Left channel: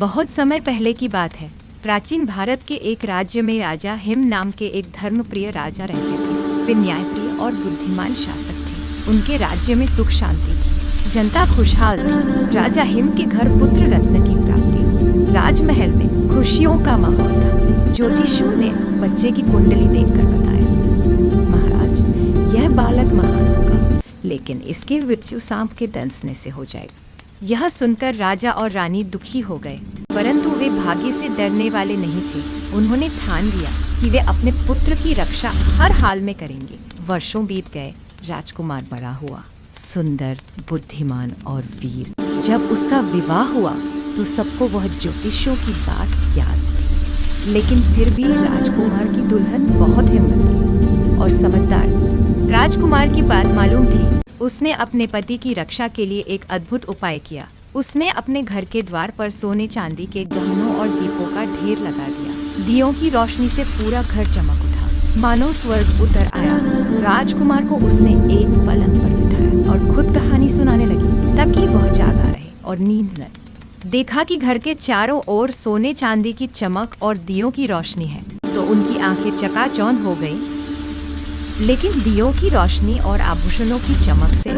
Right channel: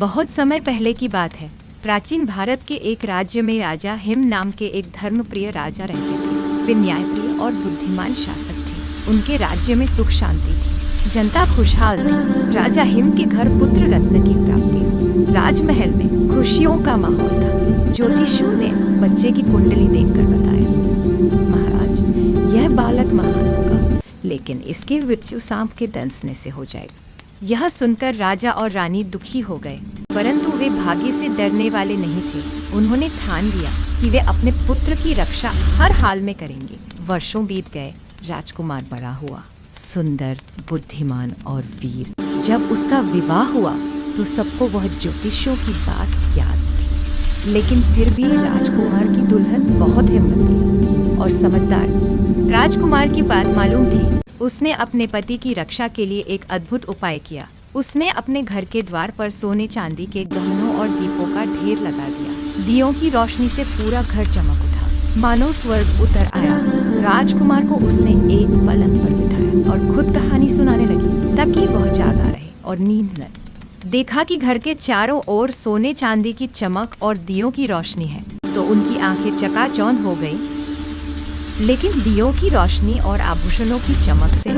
बहुत समय पहले की बात है। प्राचीन भारत के एक राज्य में राजा हिम नाम के एक धर्मप्रिय राजा रहते थे। वे न्यायप्रिय और बुद्धिमान शासक थे। उनके राज्य में सुख शांति थी, जनता खुशहाल थी। राजा हिम के घर पुत्र रत्न की प्राप्ति हुई। राजमहल में खुशियों का माहौल था। ज्योतिषियों ने बच्चे की कुंडली देखकर बताया, महाराज, यह बालक महान होगा, लेकिन इसकी मृत्यु सांप के डंसने से हो जाएगी। यह सुनकर राजा और रानी दुखी हो गए, परंतु वे भाग्य से डरने वाले नहीं थे। उन्होंने ठान लिया कि वे अपने पुत्र की रक्षा हर हाल में करेंगे। वर्षों बीत गए। राजकुमार बड़ा हुआ, सुंदर, बुद्धिमान और वीर। जब उसका विवाह हुआ तो सबको वह ज्योतिषियों की बात याद थी, लेकिन फिर भी राजकुमार की दुल्हन बहुत हिम्मती और समझदार। राजकुमार की बात मालूम थी। उसने अपने पति की रक्षा के लिए एक अद्भुत उपाय किया। उसने अपने घर के द्वार पर सोने चांदी के गहनों और दीपों का ढेर लगा दिया। दियों की रोशनी से पूरा घर चमक उठा, मानो स्वर्ग उतर आया। राजकुमार को उसने एक पलंग पर बिठाया और खुद कहानी सुनाने लगी, ताकि वह जागा रहे और नींद न। देखा कि घर के चारों ओर सोने चांदी की चमक और दियों की रोशनी है, तो उनकी आंखें चकाचौंध हो गई। लेकिन दियों की रोशनी और आभूषणों की चमक से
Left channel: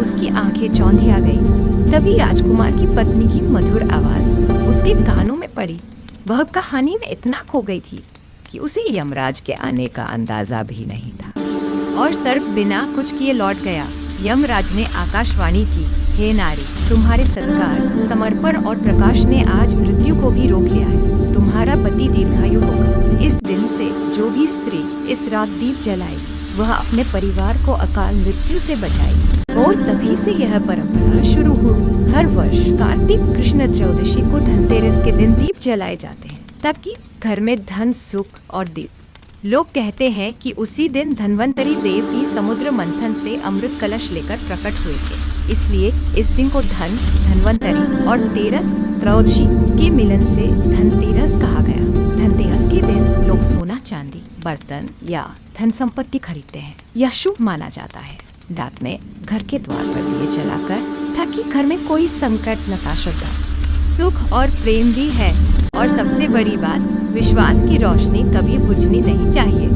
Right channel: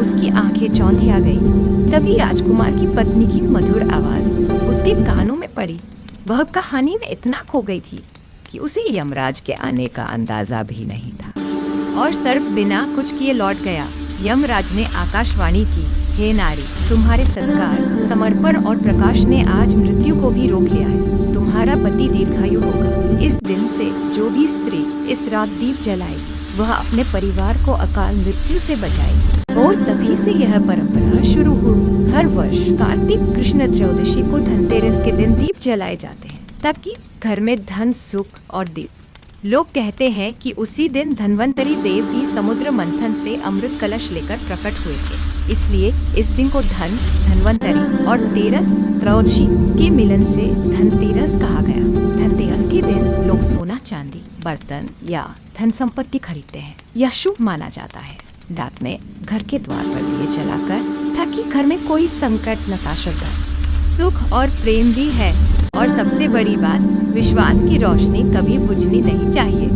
उसकी आंखें चौंधिया गई। तभी राजकुमार की पत्नी की मधुर आवाज उसके कानों में पड़ी। वह कहानी में इतना खो गई थी कि उसे यमराज के आने का अंदाजा भी नहीं था, और सर्प बिना कुछ किए लौट गया। यमराज ने आकाशवाणी की, हे नारी, तुम्हारे सत्कार, समर्पण और प्रकाश ने आज मृत्यु को भी रोक लिया है। तुम्हारा पति दीर्घायु होगा। इस दिन से जो भी स्त्री इस रात दीप जलाएगी, वह अपने परिवार को अकाल मृत्यु से बचाएगी। और तभी से यह परंपरा शुरू हुई। हर वर्ष कार्तिक कृष्ण त्रयोदशी को धनतेरस के दिन दीप जलाए जाते हैं, ताकि घर में धन, सुख और दीप। लोग कहते हैं कि उसी दिन धन्वंतरी देव भी समुद्र मंथन से अमृत कलश लेकर प्रकट हुए थे। इसलिए इस दिन को धन, धन्वंतरी और तेरस, त्रयोदशी के मिलन से धनतेरस कहा गया। धनतेरस के दिन लोग सोना, चांदी, बर्तन या धन संपत्ति खरीदते हैं। यह शुभ माना जाता है। रात में घर के द्वार पर दिए जलाकर, ताकि घर में कोई संकट न ता श्रद्धा, सुख और प्रेम भी है। और सबसे बड़ी बात, विश्वास की रोशनी कभी बुझनी नहीं चाहिए।